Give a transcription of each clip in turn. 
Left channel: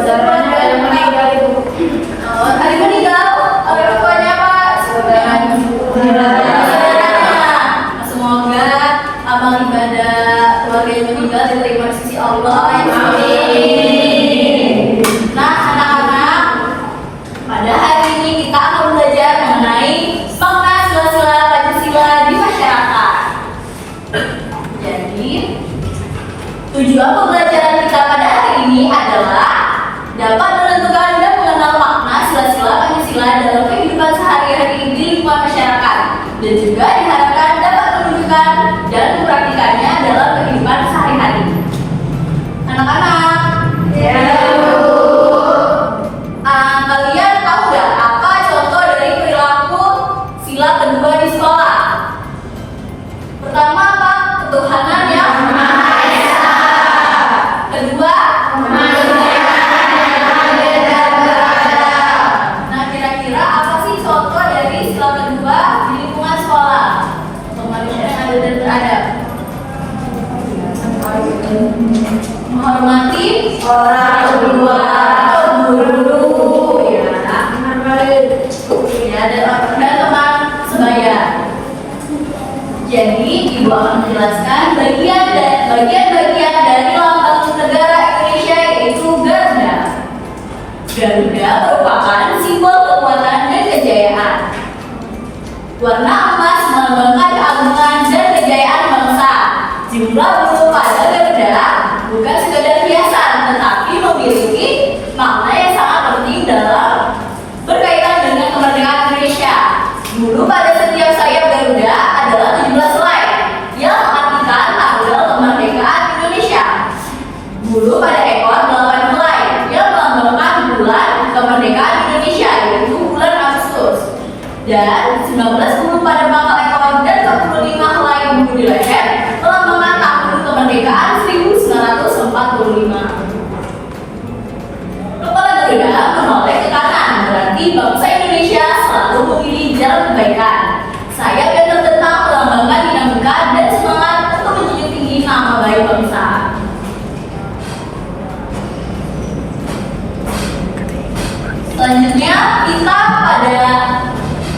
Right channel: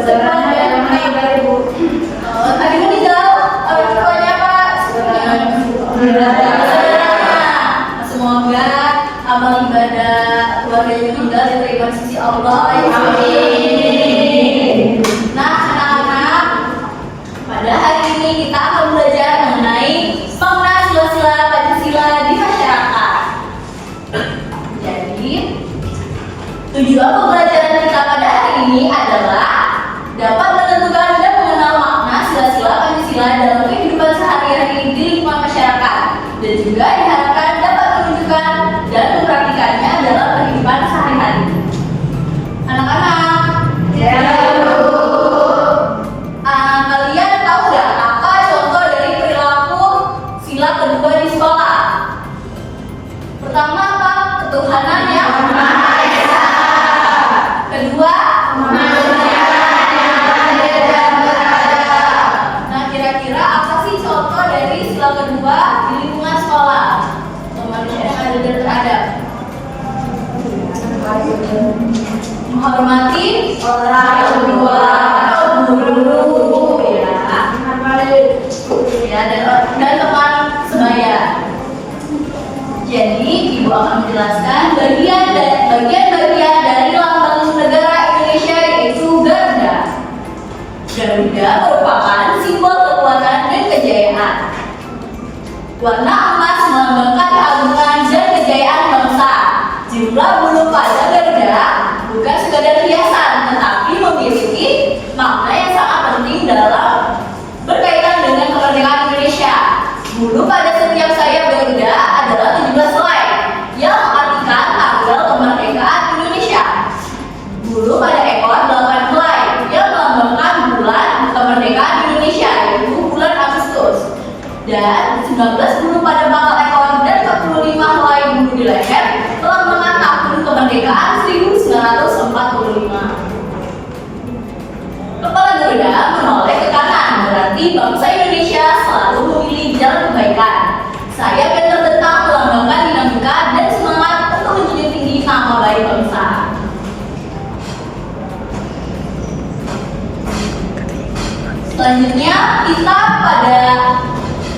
Ada meninggal Ibu. Tadi meninggal, orang tuanya apa? Saudaranya. Semoga amal ibadah keluarga yang meninggal diterima di sisi Allah. Amin. Nah, anak-anak, pada hari ini kita akan belajar mengenai makna sila-sila Pancasila di masyarakat. Jadi, tujuan pembelajaran kita pada hari ini adalah dapat menentukan dan mengenal makna sila-sila Pancasila dalam kehidupan sehari-hari di lingkungan masyarakat, dan juga diharapkan dapat menunjukkan dan mempraktikannya dalam kehidupan sehari-hari. Anak-anak, kalian tahu nggak apa contoh dari perilaku sila kedua di sekolah? Pertama apa? Ketuhanan yang Maha Esa. Kedua, nah, kira-kira apa sih contoh dari sila kedua di lingkungan sekolah? Manusia yang adil dan beradab. Menghormati orang tua atau guru, ya, dan teman sebaya. Jadi, Ibu akan menjelaskan bagian-bagian dari lambang negara Indonesia, yaitu Garuda. Garuda merupakan simbol kekuatan dan kejayaan. Warna emas melambangkan keagungan dan kejayaan bangsa. Jumlah bulu pada Garuda bukan sekedar hiasan, tetapi memiliki makna yang sangat penting dalam berkaitan dengan kemerdekaan Indonesia. Bulu pada setiap sayap Garuda adalah 17 helai yang mengartikan tanggal kemerdekaan Indonesia. Bulu pada ekor 8 helai yang melambangkan bulan kemerdekaan Indonesia, yaitu bulan Agustus. Dan 19 bulu pada pangkal ekor dan 45 helai bulu di leher melambangkan tahun kemerdekaan 1945. Kepala Garuda menoleh ke kanan, berarti bangsa Indonesia selalu memilih jalan kebaikan. Sayap yang terbentang melambangkan dinamika dan semangat untuk menjunjung tinggi nama baik bangsa. Selanjutnya kita pada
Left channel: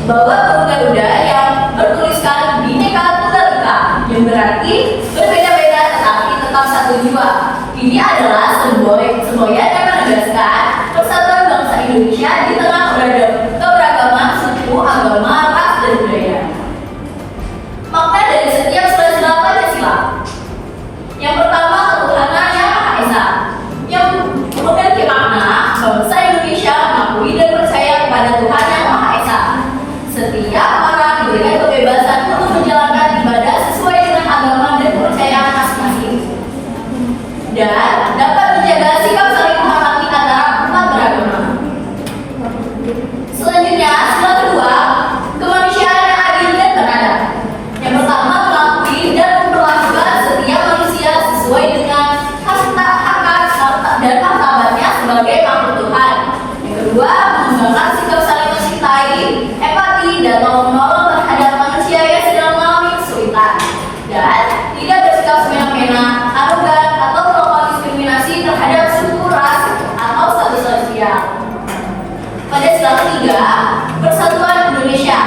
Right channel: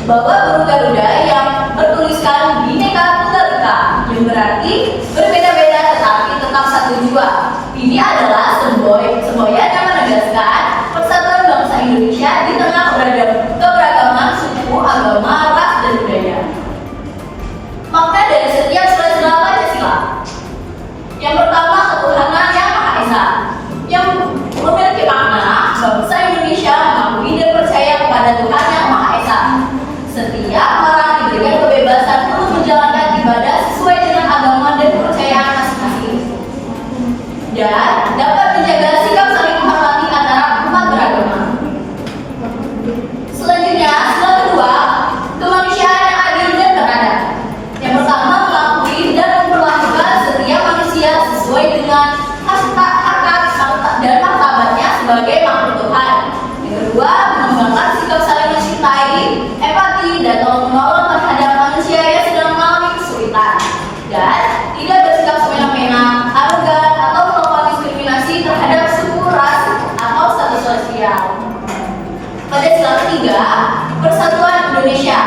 bawa burung Garuda yang bertuliskan Bhinneka Tunggal Ika, yang berarti berbeda-beda tetapi tetap satu jiwa. Ini adalah semboyan yang menegaskan persatuan bangsa Indonesia di tengah keberagaman suku, agama, ras, dan budaya. Makna dari setiap sila-sila Pancasila. Yang pertama, ketuhanan yang Maha Esa, yang memiliki makna bangsa Indonesia mengakui dan percaya kepada Tuhan yang Maha Esa. Setiap orang diberikan kebebasan untuk menjalankan ibadah sesuai dengan agama dan kepercayaan masing-masing, dan dapat menjaga sikap saling menghormati antara umat beragama. Selanjutnya, sila kedua, kemanusiaan yang adil dan beradab. Yang pertama, mengakui dan memperlakukan setiap manusia sesuai dengan hak dan martabatnya sebagai makhluk Tuhan. Yang kedua, mengembangkan sikap saling mencintai, empati, dan menolong terhadap manusia yang sedang mengalami kesulitan, dan tidak bersikap semena-mena, arogan, atau melakukan diskriminasi terhadap suku, ras, atau status sosial. Pada sila ketiga, persatuan Indonesia,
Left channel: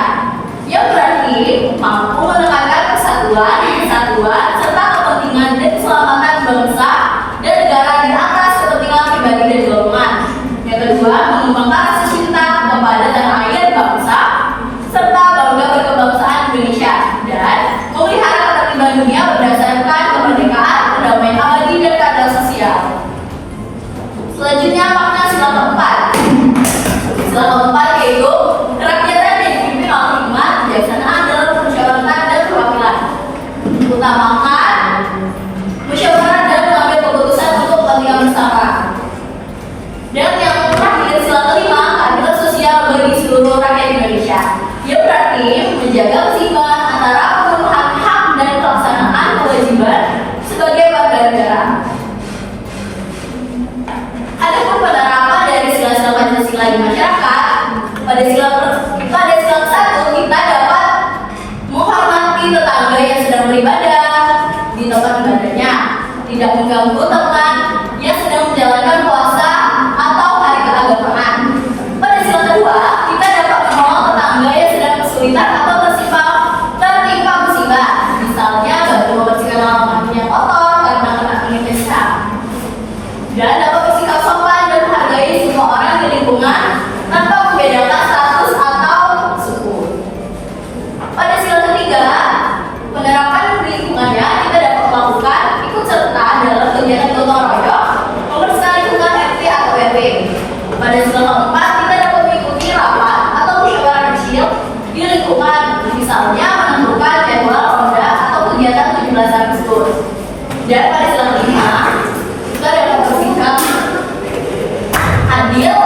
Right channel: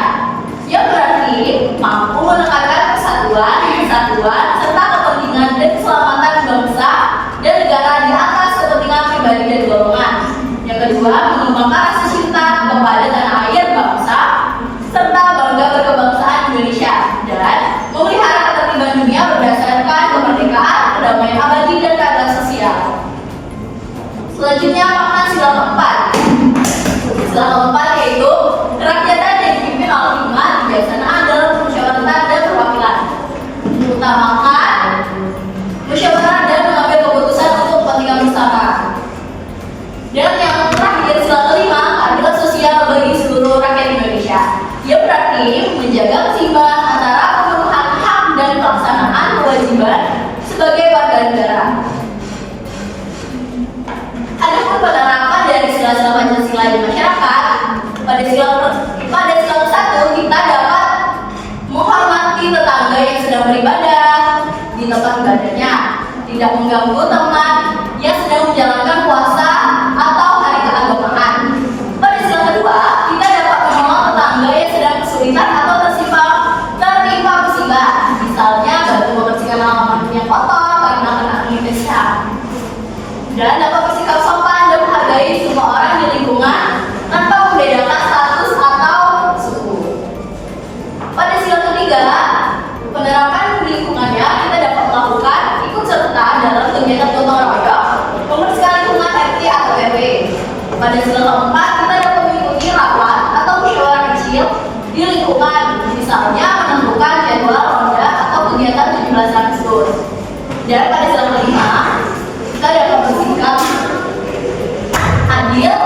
yang berarti mampu menekankan persatuan, kesatuan, serta kepentingan dan keselamatan bangsa dan negara di atas kepentingan pribadi dan golongan. Yang kedua, mengembangkan rasa cinta kepada tanah air bangsa serta bangga berkebangsaan Indonesia, dan memelihara ketertiban dunia berdasarkan kemerdekaan, kedamaian abadi, dan keadilan sosial. Selanjutnya, makna sila keempat. Sila keempat yaitu kerakyatan yang dipimpin oleh hikmat, kebijaksanaan dalam permusyawaratan dan perwakilan. Utamakan musyawarah dan mengambil keputusan untuk kepentingan bersama. Dan yang terakhir, sila kelima, keadilan sosial bagi seluruh rakyat Indonesia, yang berarti menjaga keseimbangan antara pemenuhan hak dan pelaksanaan kewajiban sebagai warga negara. Adapun penerapan dari sila-sila Pancasila di masyarakat, pada sila ke-1 kita dapat menghormati tetangga yang sedang beribadah di tempat ibadahnya, tidak mengganggu teman yang sedang menjalankan puasa dan dapat bersikap sopan dan menghargai semua orang di lingkungan tanpa membedakan status atau suku. Pada sila ketiga, penerapan lingkungannya kita dapat melakukan ikut serta dalam kegiatan gotong royong, pembersihan lingkungan RT atau RW. Pada sila keempat, kita dapat mengikuti rapat atau musyawarah kecil di lingkungan, misalnya menentukan jadwal ronda atau kegiatan 17 Agustus. Dan pada sila kelima, kita dapat bersikap adil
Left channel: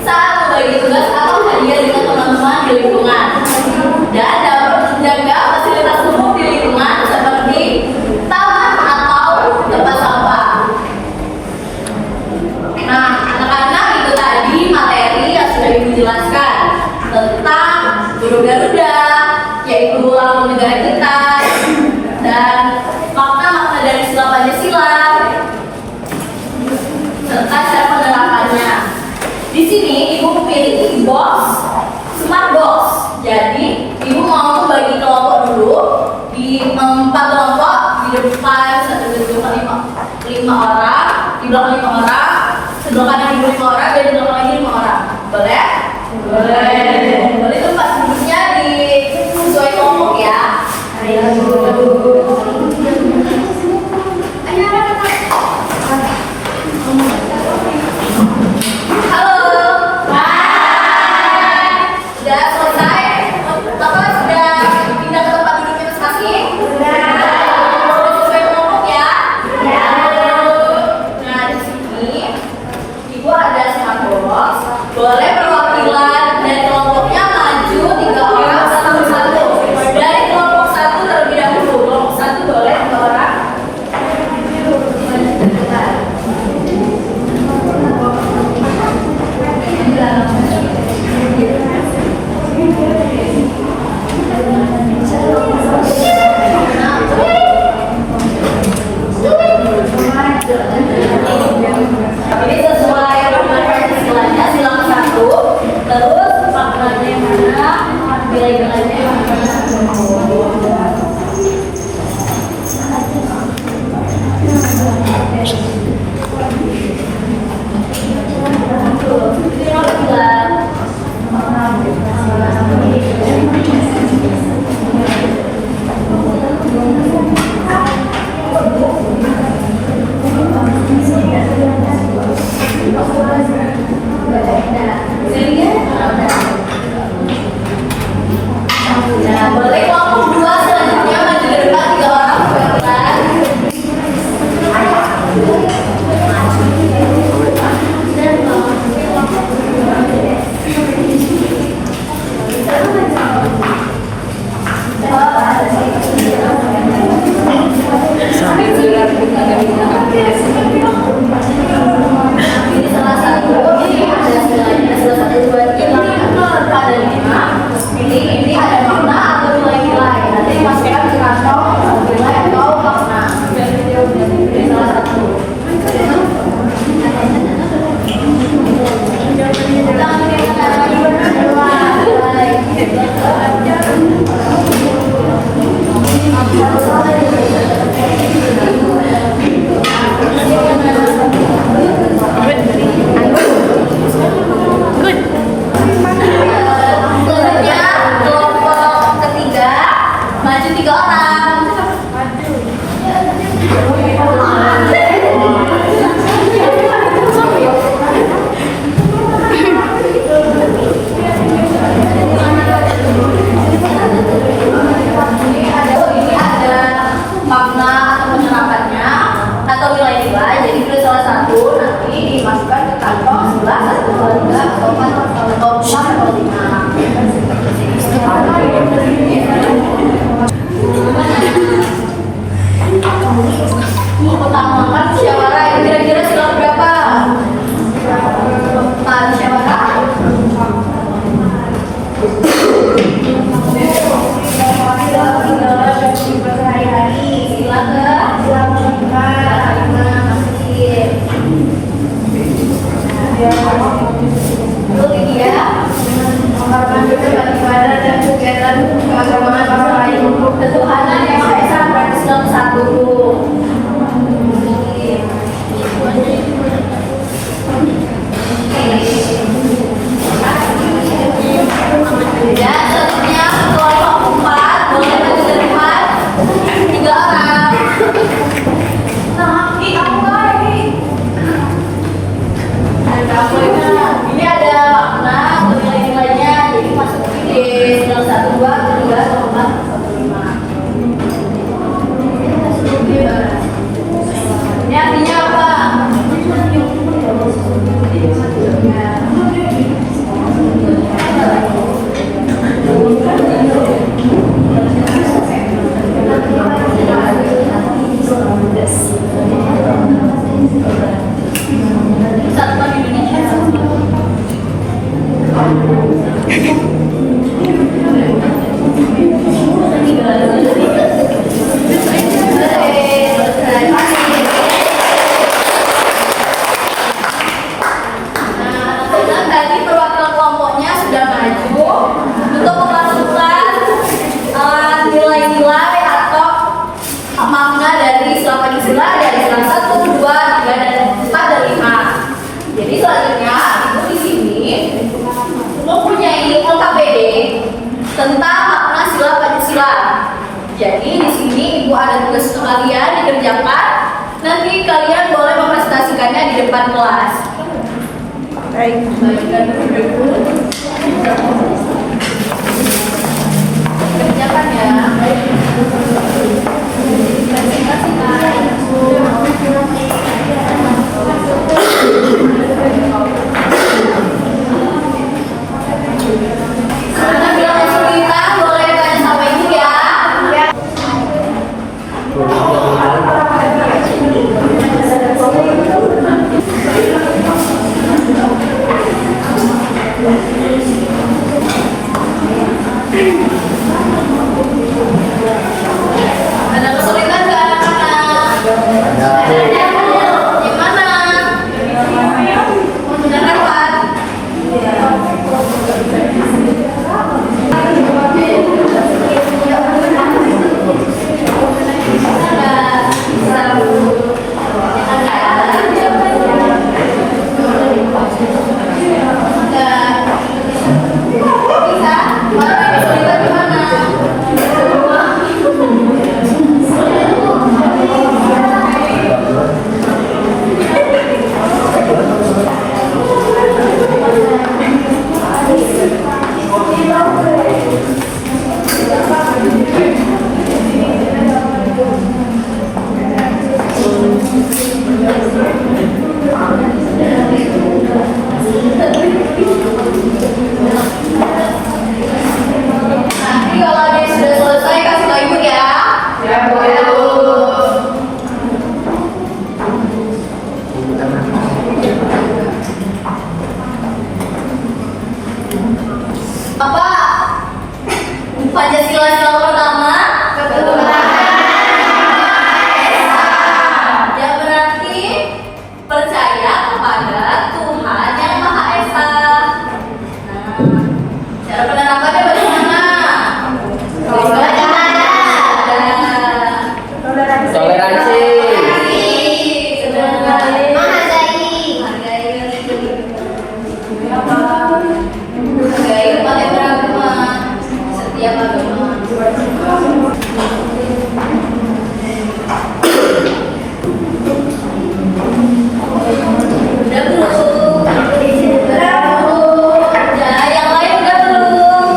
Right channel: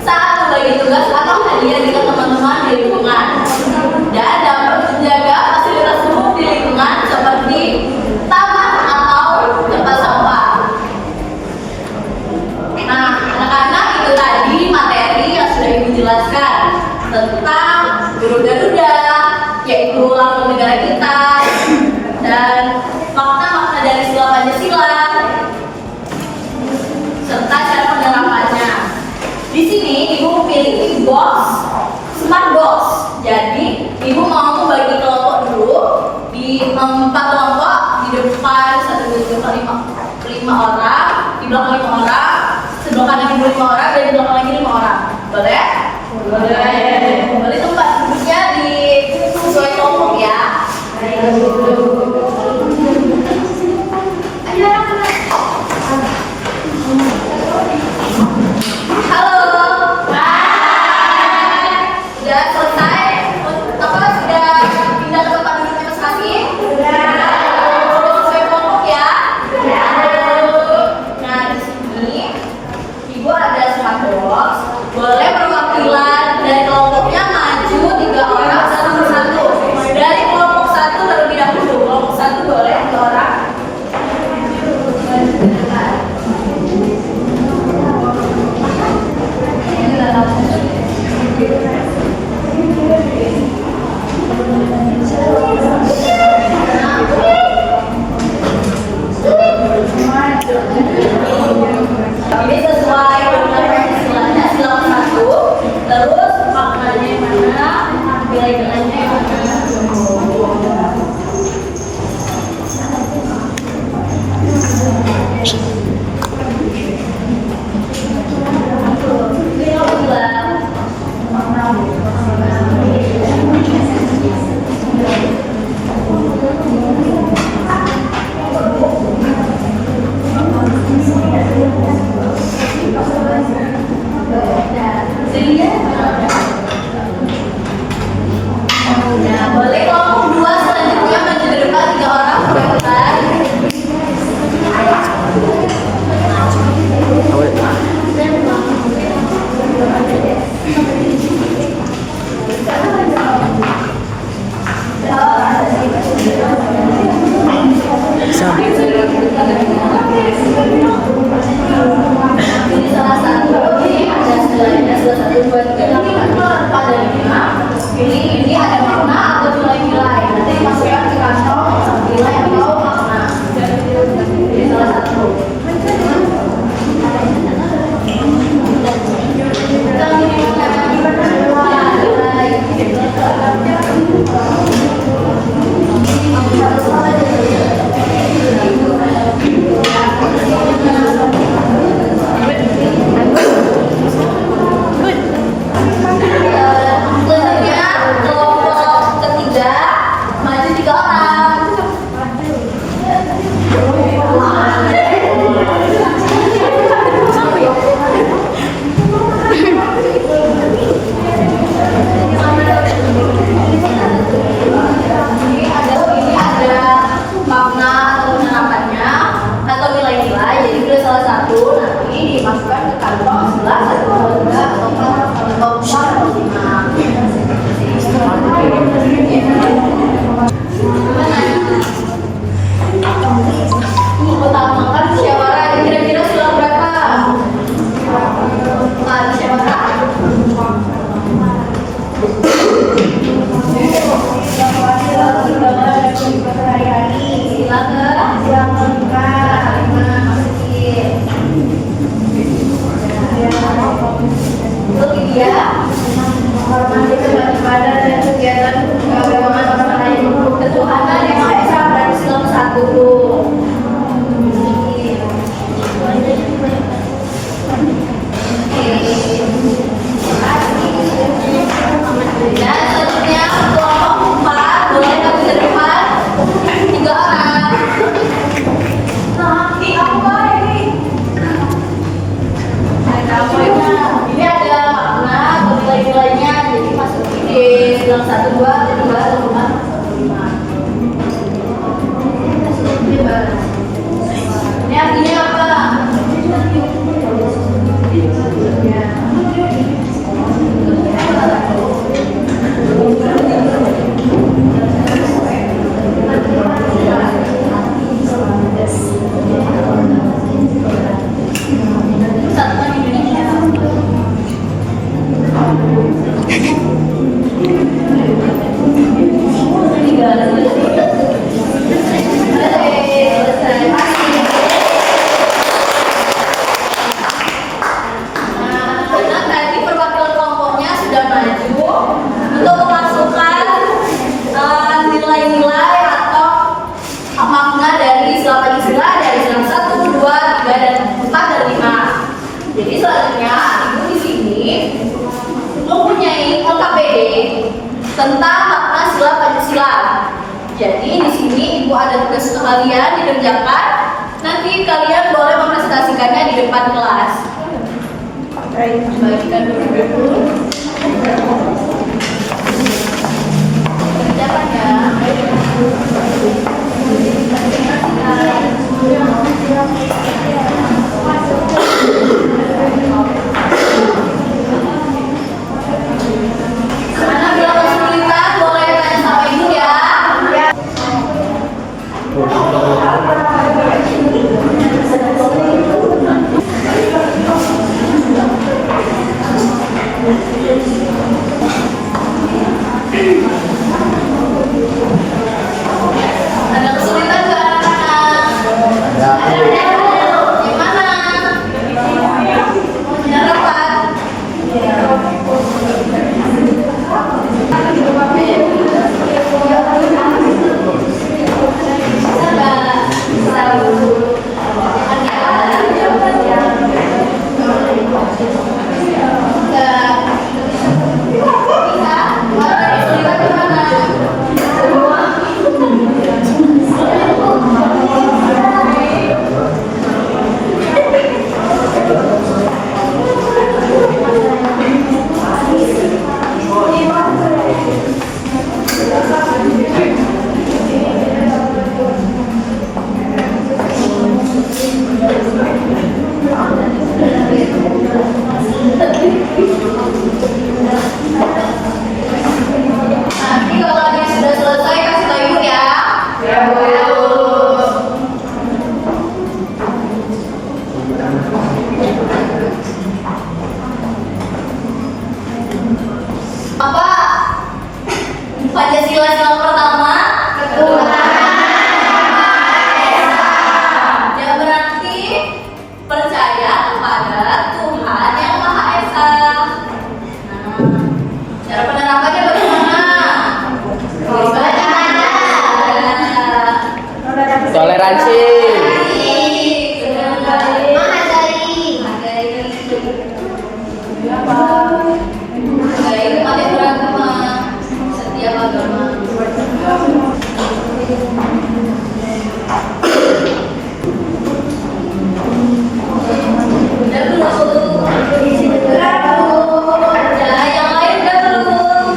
saat membagi tugas atau hadiah dengan teman-teman di lingkungan, dan dapat menjaga fasilitas umum di lingkungan seperti taman atau tempat sampah. Nah, anak-anak, itu tadi materi yang sudah Ibu jelaskan tentang Guru Garuda, yaitu lambang negara kita, dan makna-makna dari sila Pancasila, serta cara penerapannya. Di sini Ibu memiliki box, smart box. Jadi Ibu mau bagi kelompok dulu di 4 kelompok, di depan 1, 2, 3, 4, 5 orang, di belakang 5 orang, sebelah kanan Ibu 5 orang, dan di belakang lagi 5 orang. Boleh? Boleh. Boleh tempat duduknya di sesuai kelompok ya. Ayo anak-anak. Halo. Hai. Sudah selesai? Sudah pindah ke tempat duduknya masing-masing? Sudah sesuai kelompok ya? Nah, di sini Ibu ada smart box. Boleh perwakilan dari kelompoknya maju 3 orang satu persatu. Dari kelompok 1 terlebih dahulu. Kelompok 1 boleh 2 orang. Ini sesuai referensi silanya, sila 1. Terus maknanya yang mana, nilai-nilainya yang mana. Nah, boleh kelompok 2 selanjutnya maju ke depan 3 orang perwakilan. Ini salah satu, ini ada silanya, salah 1, 2, 3, 4, ada 5. Ini ada makna atau nilai-nilai. Nanti dimasukkan ke kantong nilai atau makna. Ini salah satu. Selanjutnya kelompok ketiga maju 3 orang. Ini ada makna atau penerapannya atau nilai-nilai. Jadi pilih salah satu, nanti dimasukkan ke kantong sebelah 1, 2, 3 atau 4 atau 5. Utamakan musyawarah. Kira-kira sila berapa? Musyawarah. Sila ibadah dan kegiatan keagamaan orang lain, ketuhanan yang Maha Esa dan Islam satu. Jadi selanjutnya ibu di sini mempunyai LKPD tentang makna sila Pancasila. Jadi di sini ibu ada tugas untuk kalian dikerjakan. Nanti kalian boleh mempresentasikannya di depan kelas. Kembalikan dulu. Kerjakan ya. Karena bila kesulitan boleh tanya sama ibu ya. Ada kesulitan nggak anak-anak? Gimana? Benar dapat? Nanti kalau dia sudah selesai kasih tahu ibu ya. Ya, boleh. Apa? Pancasila sila pertama? Yang berarti percaya kepada Tuhan yang Maha Esa. Cara penerapannya bagaimana? Toleransi. Menghargai umat yang beragama, setiap agama. Udah belum? Udah, yang lain udah belum?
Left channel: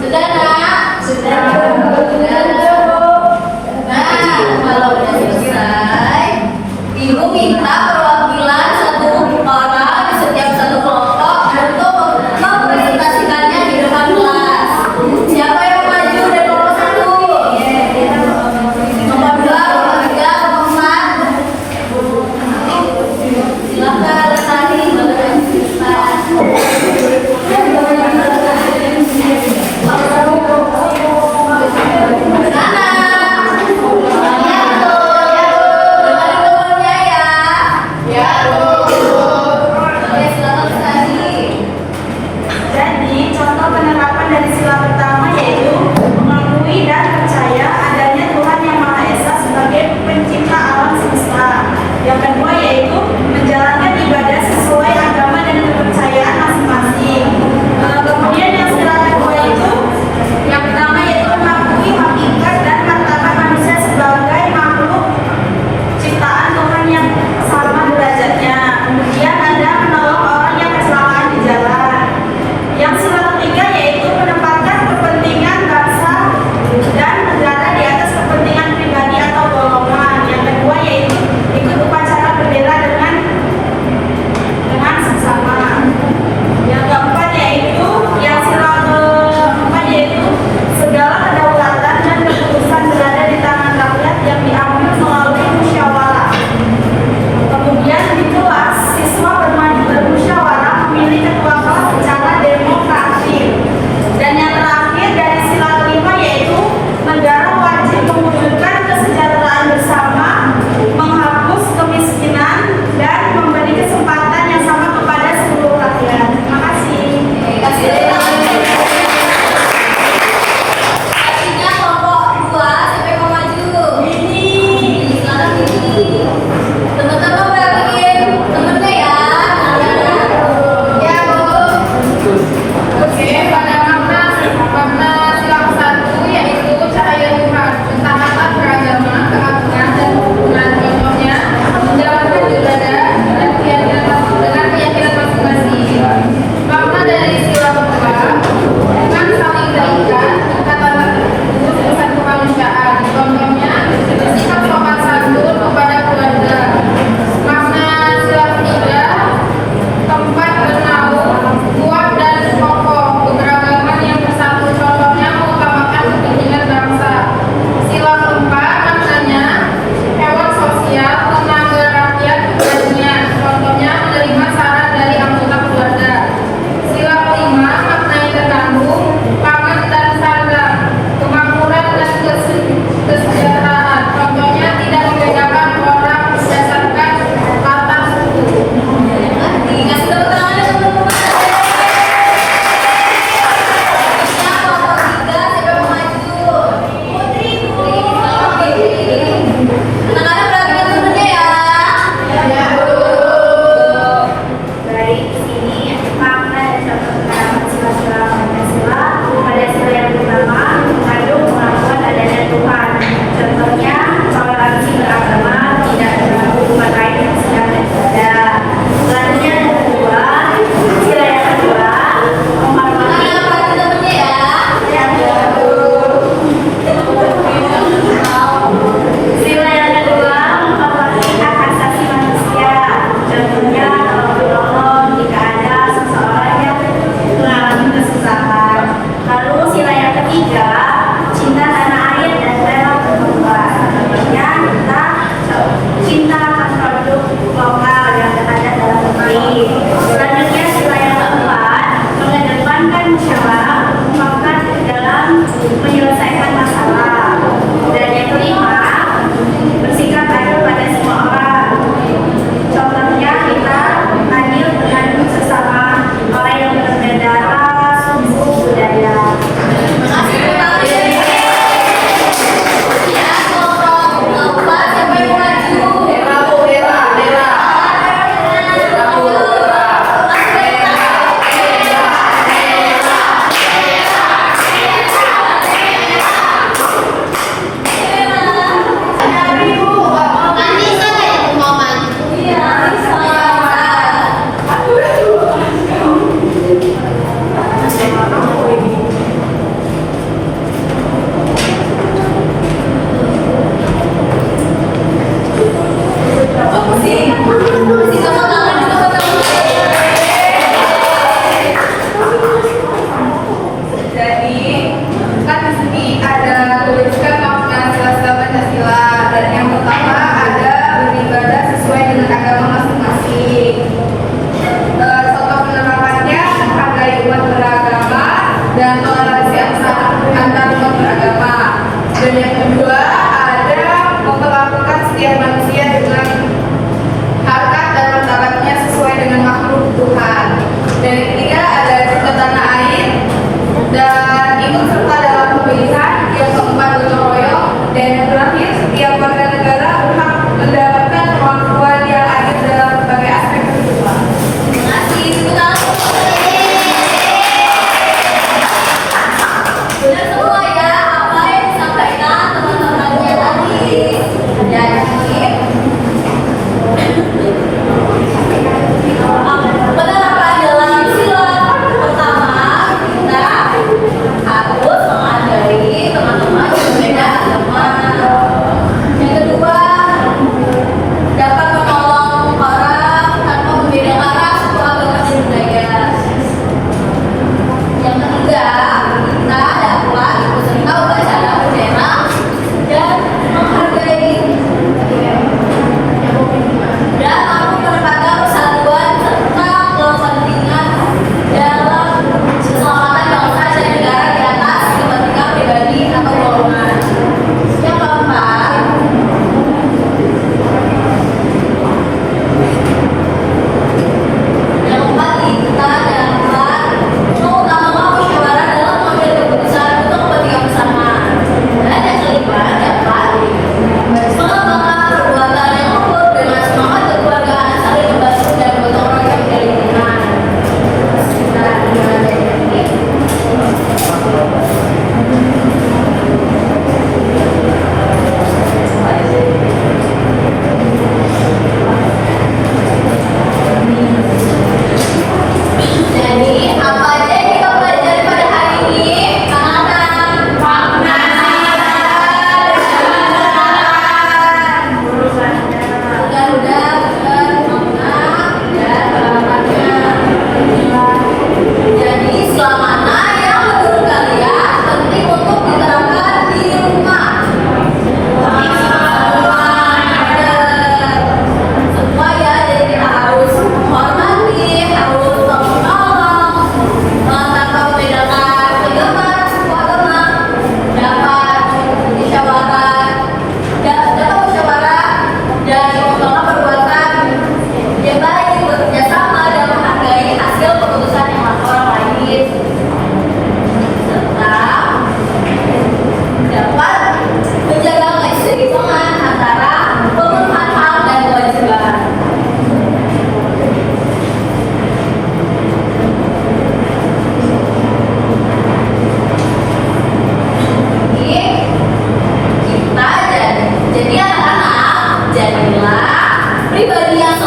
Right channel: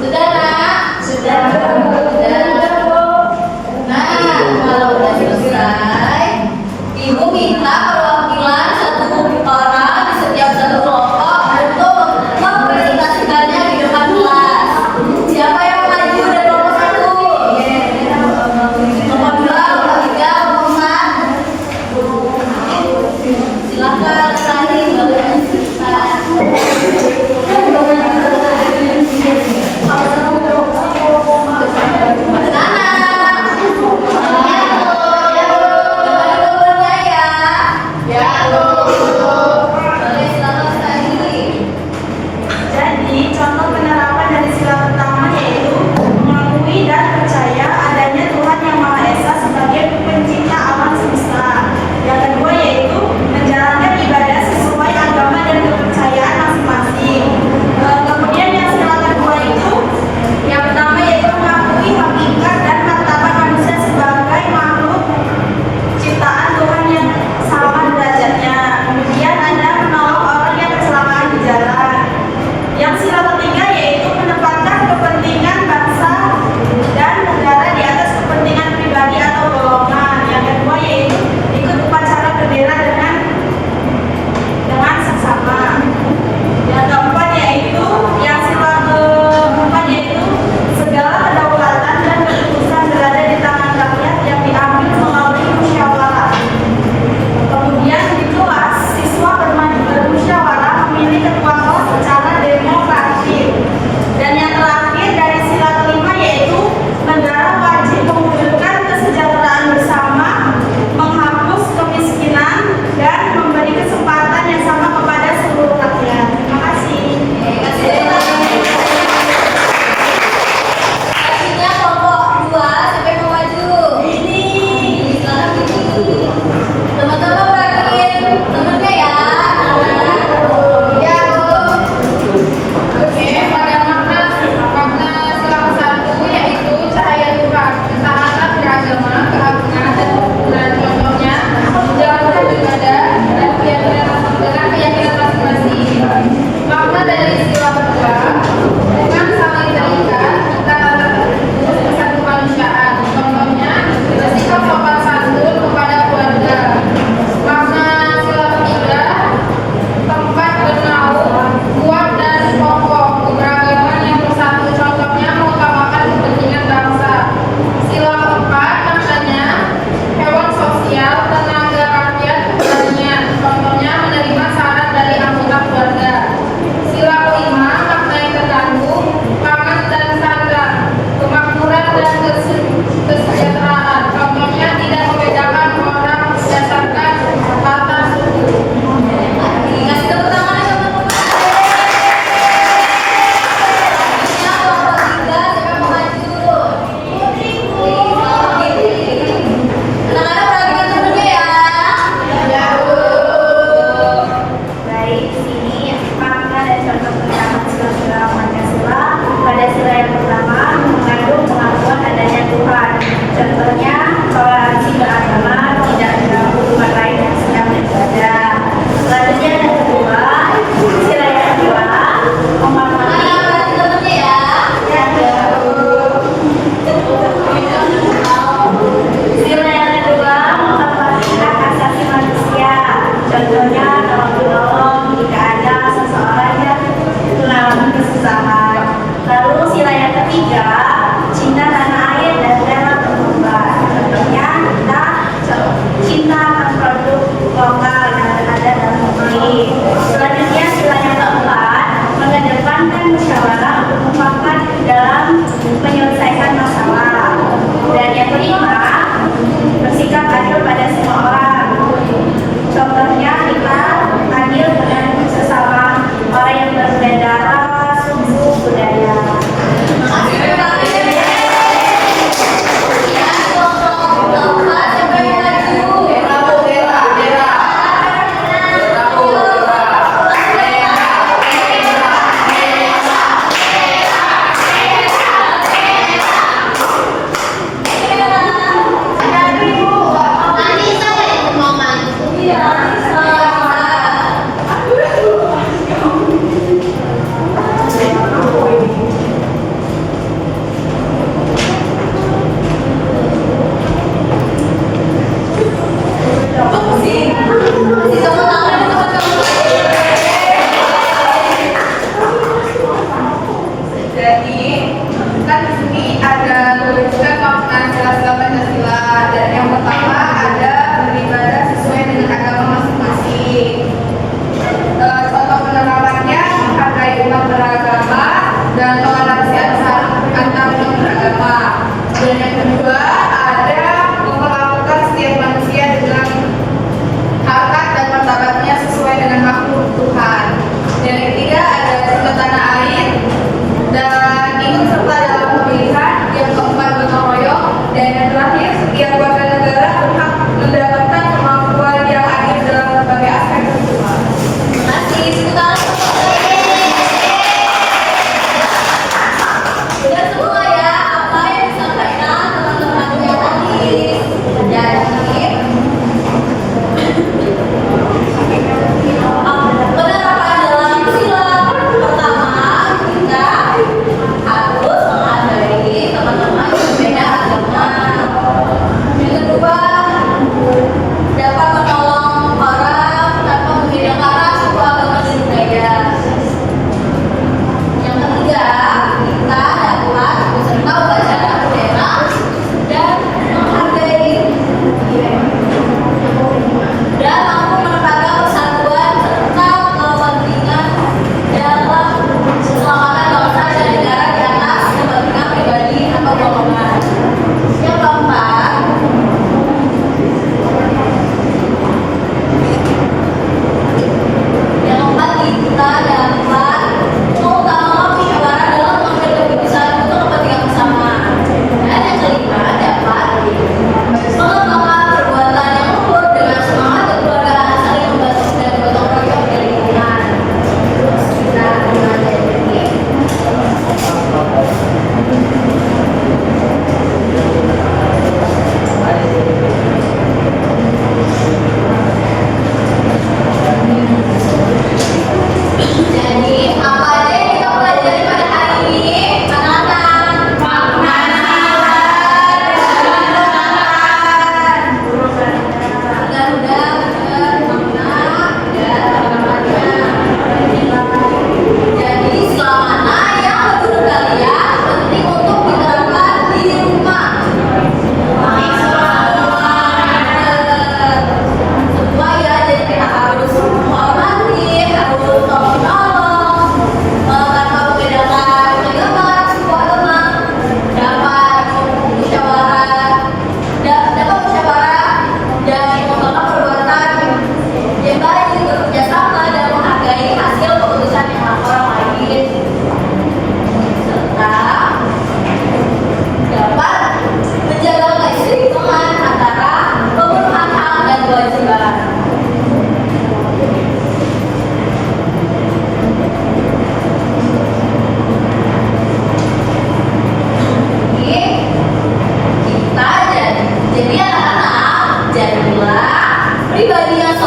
Sudah, nak? Sudah. Nah, kalau udah selesai, ibu minta perwakilan satu orang di setiap satu kelompok untuk mempresentasikannya di depan kelas. Siapa yang maju dari kelompok satu? Nomor 2, nomor 3, nomor 4. Silakan tadi bagian cerita. Sana. Dengar nomornya ya.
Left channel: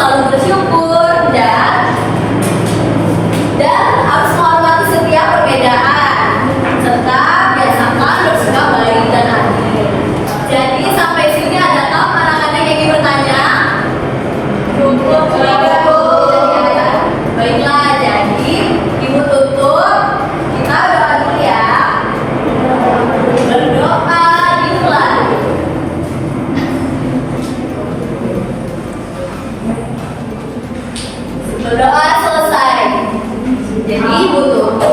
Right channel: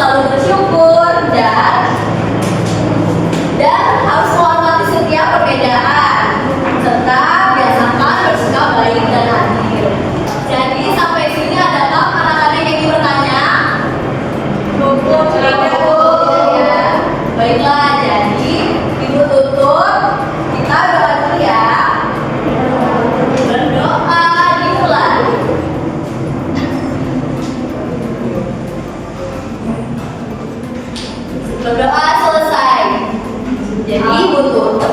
selalu bersyukur dan harus menghormati setiap perbedaan serta biasakan bersikap baik dan adil. Jadi sampai sini adakah anak-anak yang ingin bertanya? Cukup tidak Bu? Ya. Baiklah, jadi Ibu tutup. Kita doa dulu ya. Berdoa dimulai. Berdoa selesai. Jadi Ibu tutup.